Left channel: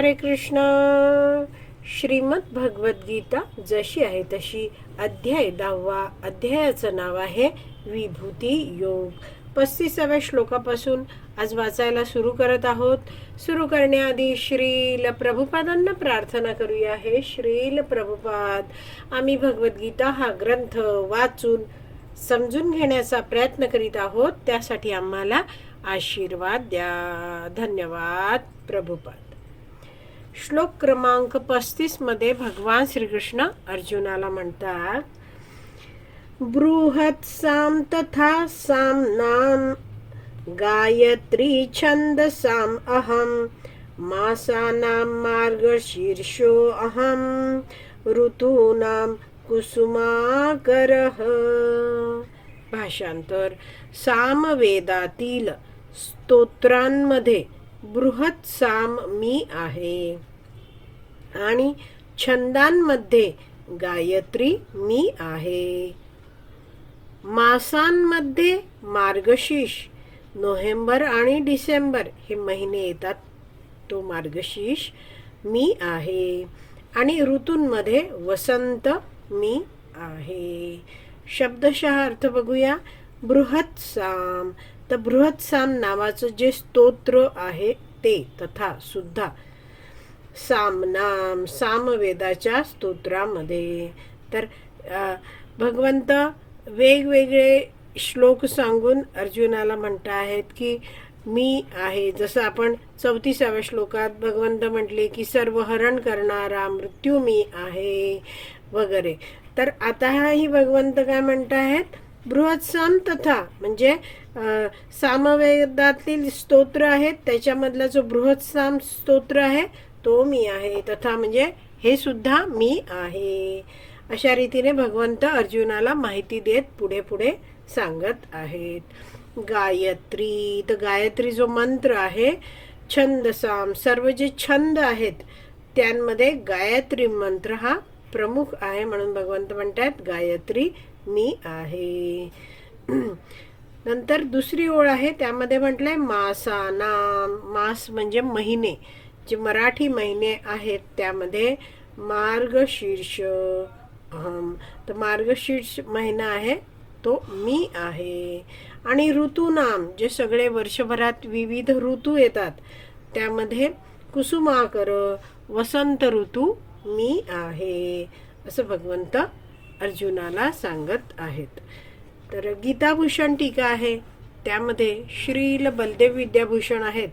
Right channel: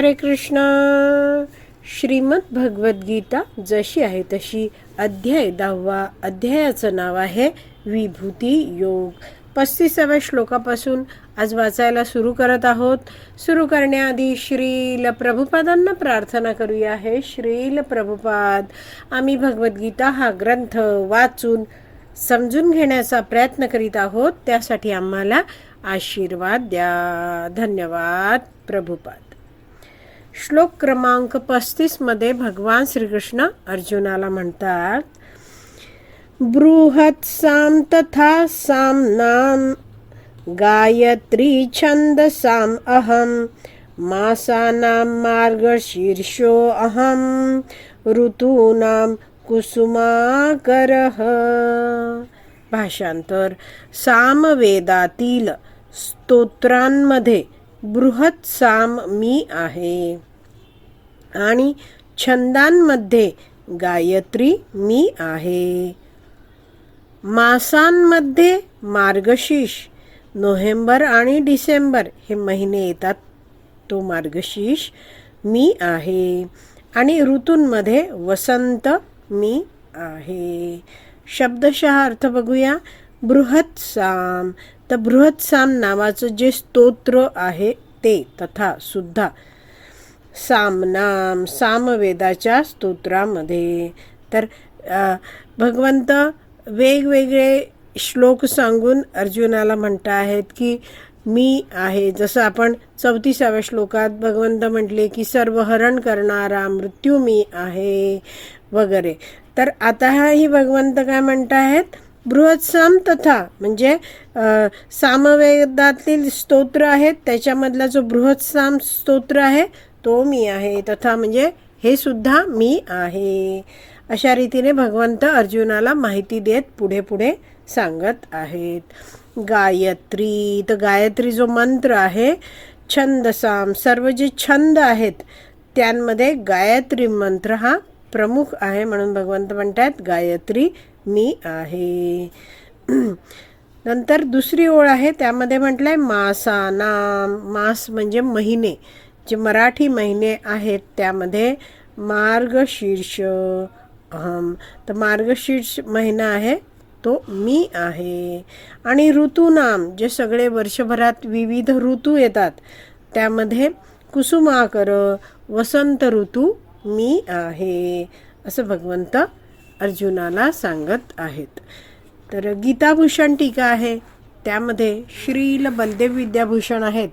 हरे कृष्ण. श्रीमद भगवद्गीता जशी आहे तशी अध्याय दहावा अध्यायाचं नाव आहे विभूती योग. पस्तीसाव्या श्लोकापासून आज वाचायला सुरू करत आहोत. सुरू करण्याआधी श्रील प्रभुपादांना प्रार्थना करूया. हे श्रील प्रभुपाद आम्ही भगवद्गीता हा ग्रंथ वाचून समजून घेण्याचा प्रयत्न करीत आहोत. त्यासाठी आम्हाला आशीर्वाद द्या. धन्यवाद प्रभुपाद. श्लोक क्रमांक पस्तीसमध्ये भगवान श्रीकृष्ण अर्जुनाला म्हणतात बृहत साम तथा सामनाम गायत्री छंद साम अहम मासानां मार्गशीर्षो अहम ऋतूनां कुसुमाकरः। भाषांतर सामवेदातील स्तोत्रांमध्ये बृहत साम मी आहे. आणि छंदांमध्ये गायत्री मी आहे. मासांमध्ये मार्गशीर्ष नोव्हेंबर आणि डिसेंबर हे महिने येतात. तो मार्गशीर्ष मी आहे. आणि ऋतूंमध्ये वसंत मी आहे. शब्दशः अर्थ बघूया. बृहत साम तर बृहत्साम नावाचं जे स्तोत्र आहे ते तथा सुद्धा सामनाम सामवेदाच्या स्तोत्रामध्ये. तर भगवंत वेगवेगळे श्लोक सांगून अर्जुनाला म्हणता आहेत की मी आहे. जसं आपण चौतीसाव्या श्लोकात भगवंत म्हटले की सर्व हरण करणारा मृत्यू मी आहे वगैरे. तर आता हाही भगवंत काय म्हणत आहेत बृहत्सम तथा म्हणजे सामवेदातील स्तोत्र आहेत त्याच्यामधला जो बृहत्साम स्तोत्र आहे तो मी आहे. तथा म्हणजे हे सुद्धा मी आहे. अशा रीतीने भगवंत अर्जुनाला माहिती देत पुढे पुढे सांगत आहेत. गायत्री तर गायत्री जो मंत्र आहे छंदसाम सर्व जे छंद आहेत त्यांमध्ये गायत्री मंत्र हा प्रमुख आहे म्हणून भगवंत म्हणतात गायत्री मी आहे. नंतर दुसरी ओळ आहे त्यामध्ये म्हटलंय मासानाम मास म्हणजे महिने. जे मराठी महिने आहेत त्यामध्ये मार्गशीर्ष अहम. तर मार्गशीर्ष महिना आहे तो मी आहे. आणि ऋतूनाम जे सगळे वर्षभरात विविध ऋतू येतात त्यामध्ये कुसुमाकर वसंत ऋतू मी आहे. असं भगवंत अर्जुनाला सांगत आहेत. तर गीताभूषण टीका आहे. त्यामध्ये श्रील बलदेव विद्याभूषण आहेत.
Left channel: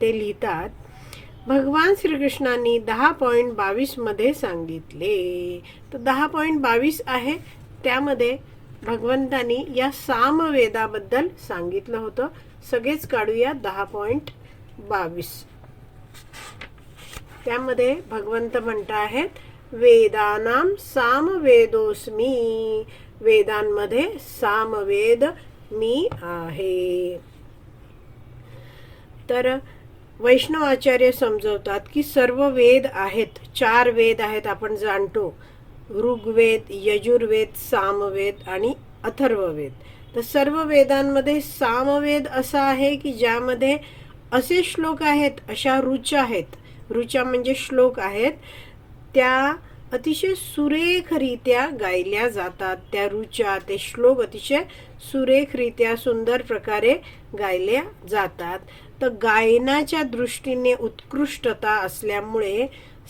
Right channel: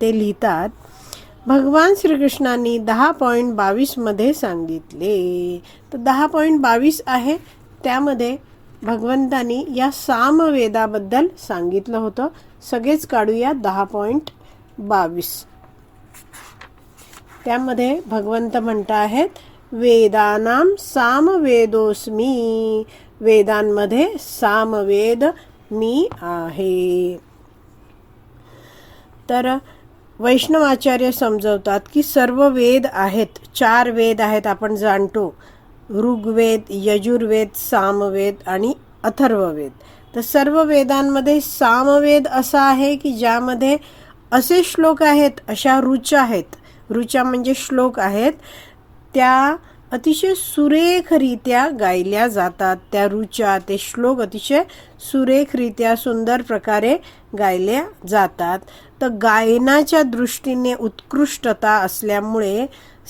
ते लिहितात भगवान श्रीकृष्णांनी दहा पॉईंट बावीसमध्ये सांगितले. तर दहा पॉईंट बावीस आहे. त्यामध्ये भगवंतांनी या सामवेदाबद्दल सांगितलं होतं. सगळेच काढूया दहा पॉईंट बावीस. त्यामध्ये भगवंत म्हणत आहेत वेदानाम सामवेदोस्मी वेदांमध्ये सामवेद मी आहे। तर वैष्णवाचार्य समजवतात की सर्व वेद आहेत चार वेद आहेत आपण जाणतो. ऋग्वेद यजुर्वेद सामवेद आणि अथर्ववेद. तर सर्व वेदांमध्ये सामवेद असा आहे की ज्यामध्ये असे श्लोक आहेत अशा ऋचा आहेत. ऋचा म्हणजे श्लोक आहेत. त्या अतिशय सुरेखरित्या गायल्या जातात. त्या ऋचा ते श्लोक अतिशय सुरेखरित्या सुंदर प्रकारे गायल्या जातात. तर गायनाच्या दृष्टीने उत्कृष्टता असल्यामुळे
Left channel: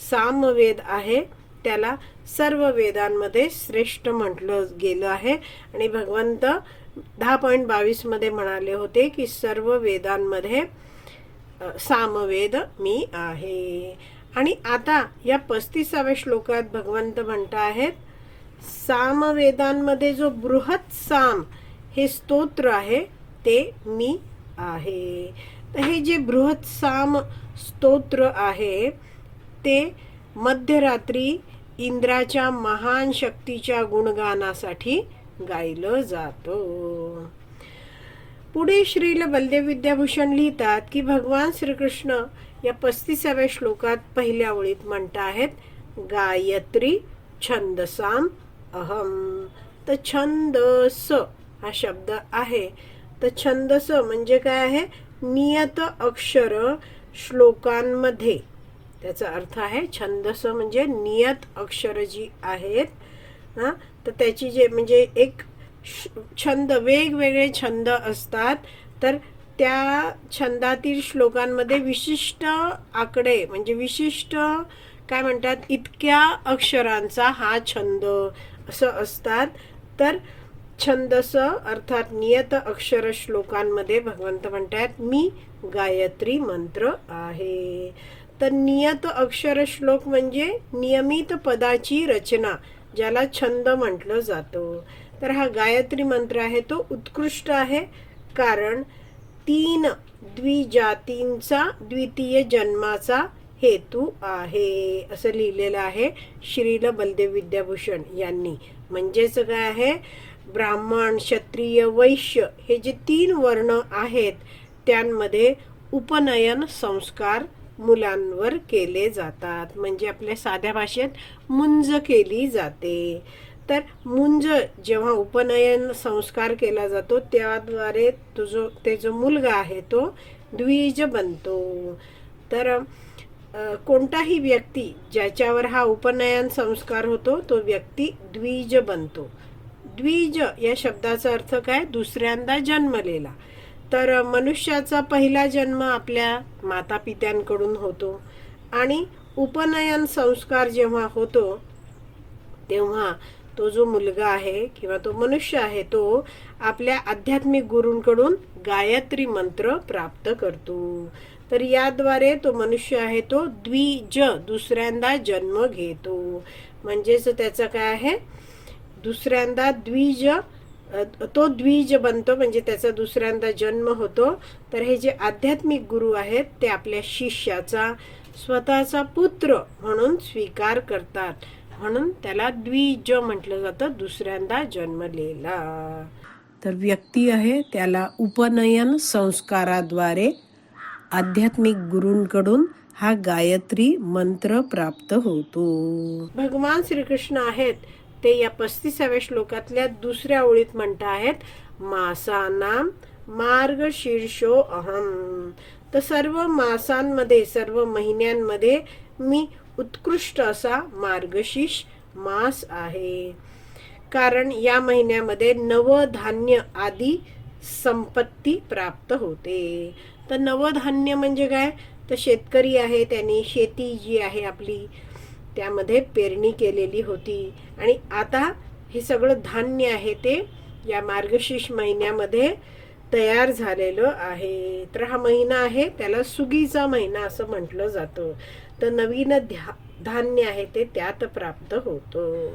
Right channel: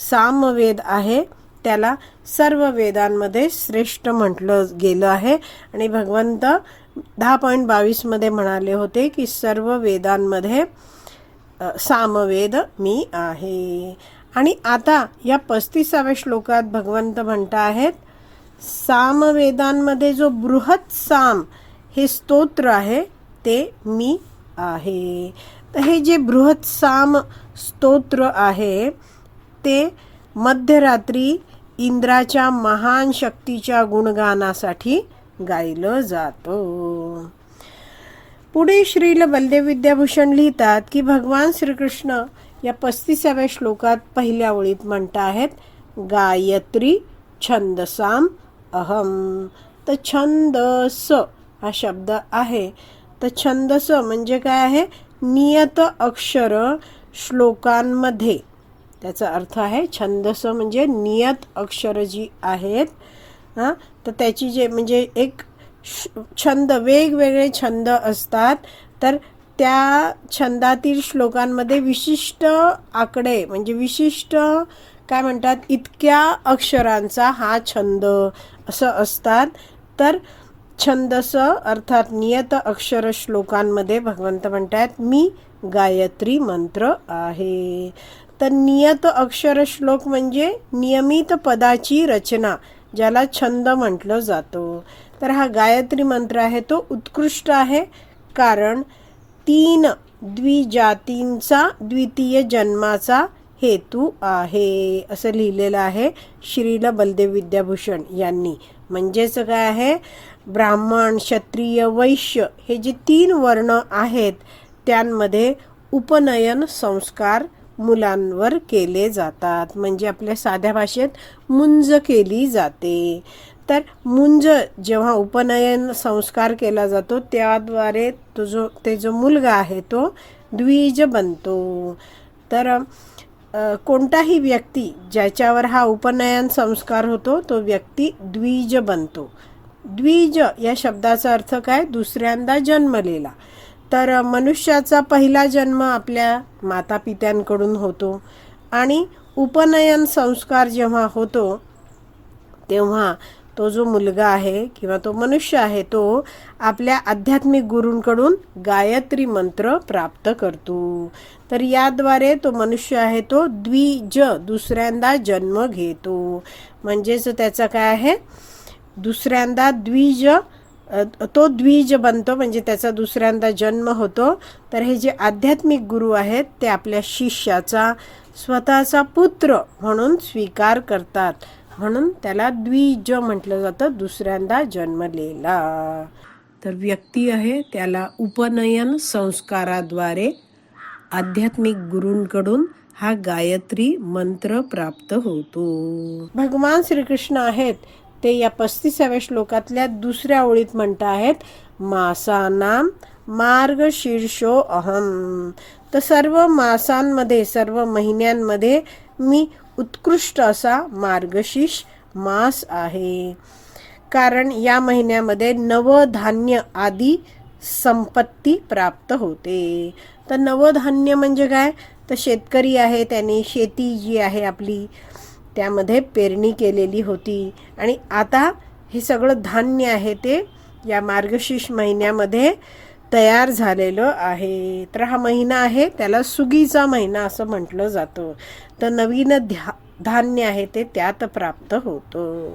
सामवेद आहे. त्याला सर्व वेदांमध्ये श्रेष्ठ म्हटलं गेलं आहे. आणि भगवंत दहा पॉईंट बावीसमध्ये म्हणाले होते की सर्व वेदांमध्ये सामवेद मी आहे. आणि आता या पस्तीसाव्या श्लोकात भगवंत म्हणता आहेत सामवेदांमध्ये जो बृहत साम हे स्तोत्र आहे ते मी आहे. तर हे जे बृहत साम स्तोत्र आहे ते मध्यरात्री इंद्राच्या महान शक्तीच्या गुणगानासाठी गायलं जातं. पुढे श्रील बलदेव विद्याभूषण लिहितात की भगवान श्रीकृष्ण या पस्तीसाव्या श्लोकात पहिल्या ओळीत म्हणत आहेत गायत्री छंदसाम अहम. तर छंदस हा शब्द आहे. तर छंदस म्हणजे काय आहे? नियत अक्षर श्लोकांमध्ये. त्याचा अर्थ आहे छंदस म्हणजे नियत अक्षर जी आहेत हां तर त्याची जे म्हणजे एक छंद वेगवेगळे छंद असतात तर त्या छंदातील श्लोकांमध्ये विशिष्ट आकडे म्हणजे विशिष्ट काय म्हणतात इतक्या अक्षरांचा हा छंद असं असतात. तर छंदस अर्थात नियत अक्षर श्लोकांमध्ये भगवंत म्हणतात मी गायत्री मंत्र आहे. तर नियत अक्षर श्लोक म्हणजे नियमित पदाची रचना ज्याला छंद म्हटलं जातो. तर हा गायत्री मंत्र आहे तो उत्कृष्ट आहे. कारण तीन द्विजातींचा द्वितीय जन्माचा हेतू आहे. असं लिहिलेलं आहे श्रील बलदेव विद्याभूषण यांनी. म्हणजेच काय आहे? ब्राह्मण क्षत्रिय वैश्य हे जे तीन वर्ण आहेत त्यांमध्ये उपनयन संस्कार मुलांवर केले जातात. म्हणजे आपल्या साध्या भाषेत मुंज केली जाते. तर मुंज जेव्हा उपनयन संस्कार केला जातो त्याद्वारे तो जो ते जो मुलगा आहे तो द्विज बनतो. तर कोणताही व्यक्ती ज्याच्यावर हा उपनयन संस्कार होतो तो व्यक्ती द्विज बनतो. द्विज या शब्दाचा अर्थ काय? दुसऱ्यांदा जन्मलेला. तर मनुष्याचा पहिला जन्म आपल्या मातापित्यांकडून होतो. आणि उपनयन संस्कार जेव्हा होतो तेव्हा तो जो मुलगा आहे किंवा तो मनुष्य आहे तो आपल्या आध्यात्मिक गुरूंकडून गायत्री मंत्र प्राप्त करतो. तर याद्वारे तो मनुष्य आहे तो द्विज दुसऱ्यांदा जन्म घेतो. म्हणजेच त्याचा काय आहे? दुसऱ्यांदा द्विज तो द्विज बनतो म्हणजे त्याचा दुसऱ्यांदा जन्म होतो. तर हे जे आध्यात्मिक गुरु आहेत ते आपल्या शिष्याचा स्वतःचा पुत्र म्हणून स्वीकार करतात. म्हणून त्याला द्विज म्हटलं जातं दुसऱ्यांदा जन्मलेला. तर व्यक्ती आहे त्याला उपनयन संस्काराद्वारे आध्यात्मिक गुरूंकडून हा गायत्री मंत्र प्राप्त होतो. भगवान श्रीकृष्ण आहेत ते या पस्तीसाव्या श्लोकातल्या दुसऱ्या ओळीत म्हणत आहेत मासानाम मार्ग शीर्षो अहम. तर सर्व मासांमध्ये सर्व महिन्यांमध्ये मी उत्कृष्ट असा मार्गशीर्ष मास आहे. कारण या महिन्यामध्ये नवधान्य आदी संपत्ती प्राप्त होते. तर नवधान्य म्हणजे काय? तर शेतकरी आहे त्याने शेती जी आहे आपली त्यामध्ये पेरणी केलेली होती. आणि आता हे सगळं धान्य आहे ते या मार्गशीर्ष महिन्यामध्ये तयार झालेलं आहे. तर हा महिना आहे त्याला सुगीचा महिना असं म्हटलं जातं. तर नवीन ध्या धान्य आहे ते त्यात प्राप्त होतं.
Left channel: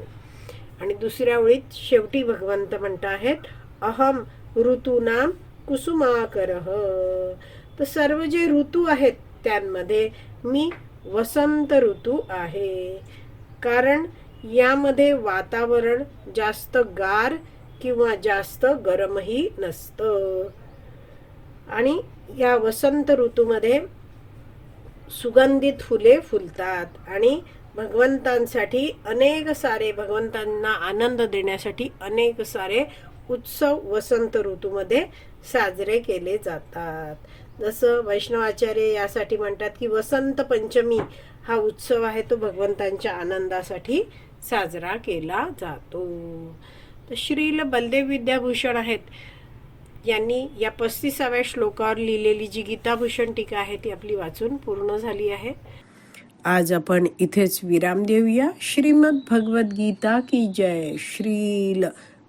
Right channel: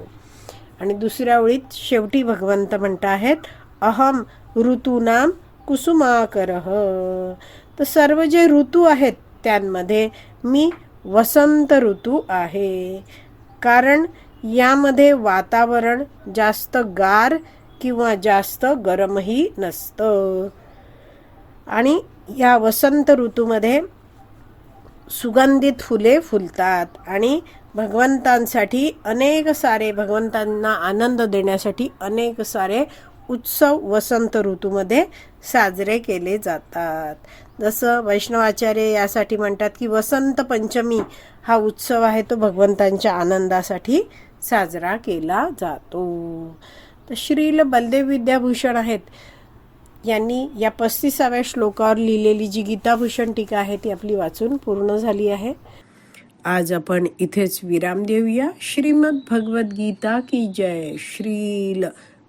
आणि दुसऱ्या ओळीत शेवटी भगवंत म्हणत आहेत अहम ऋतूनाम कुसुमाकर. तर सर्व जे ऋतू आहेत त्यांमध्ये मी वसंत ऋतू आहे. कारण यामध्ये वातावरण जास्त गार किंवा जास्त गरमही नसतं. आणि या वसंत ऋतूमध्ये सुगंधित फुले फुलतात आणि भगवंतांसाठी अनेक सारे भगवंतांना आनंद देण्यासाठी अनेक सारे उत्सव वसंत ऋतूमध्ये साजरे केले जातात. जसं वैष्णवाचार्य यासाठी म्हणतात की वसंत पंचमी हा उत्सव आहे तो भगवंतांच्या आनंदासाठी साजरा केला जातो. तर श्रील बलदेव विद्याभूषण आहेत. यांनी या पस्तीसाव्या श्लोकावर लिहिलेली जी गीताभूषण टीका आहे ती आपली वाचून पूर्ण झाली आहे. आज आपण इथेच विराम देऊया. श्रीमद भगवद्गीता की जय. श्रील